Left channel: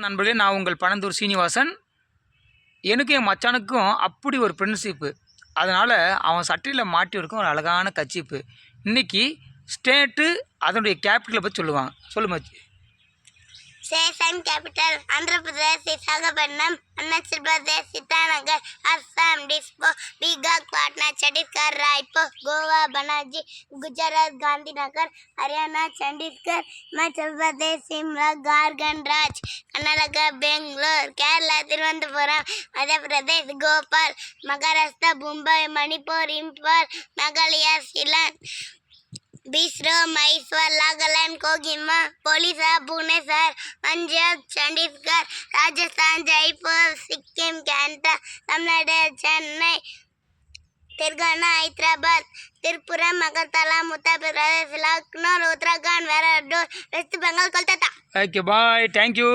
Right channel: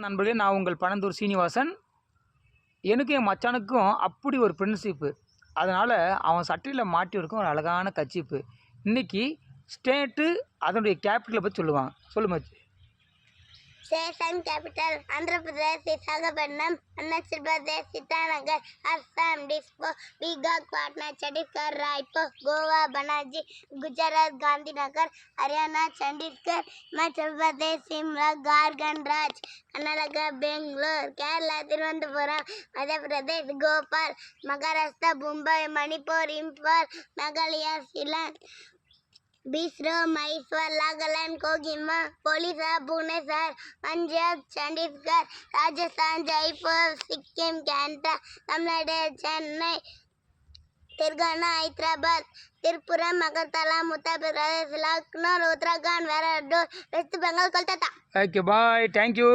நண்பர்களே, நான் உங்கள் பனந்தூர் சீனிவாசன். எனக்கும் என் மச்சானுக்கும் அப்படி ஒரு ஃப்ரெண்ட்ஷிப்பு. அதனால் அவன் சட்டையில் மாட்டியிருக்கும் ஒரு அழகான கர்ச்சீப்பு. இன்றைக்கி ஸ்டேட்டு அதனுடைய கேபிட்டலை பற்றி சொல்லுவாங்க. சொல்லு மச்சி. Session capital Andhra Pradesh, Visakhapatnam, Arunachal Pradesh, Itanagar, Assam, Dispo, Bihar, Patna, Chhattisgarh, Raipur, Goa, Panaji, Gujarat, Gandhinagar, Haryana, Chandigarh, Himachal Pradesh, Shimla, Jharkhand, Raj, Karnataka, Bangalore, Kerala, Thiruvananthapuram, Madhya Pradesh, Bhopal, Maharashtra, Mumbai, Manipur, Imphal, Meghalaya, Shillong, Bisro, Mysore, Nagaland, Kohima, Odisha, Bhubaneswar, Punjab, Chandigarh, Rajasthan, Jaipur, Sikkim, Kanta, Tamil Nadu, Chennai, Telangana, Hyderabad, Tripura, Magartala, Uttar Pradesh, Lucknow, Uttarakhand, Varanasi, West Bengal, Kolkata. Okay bye. Thank you.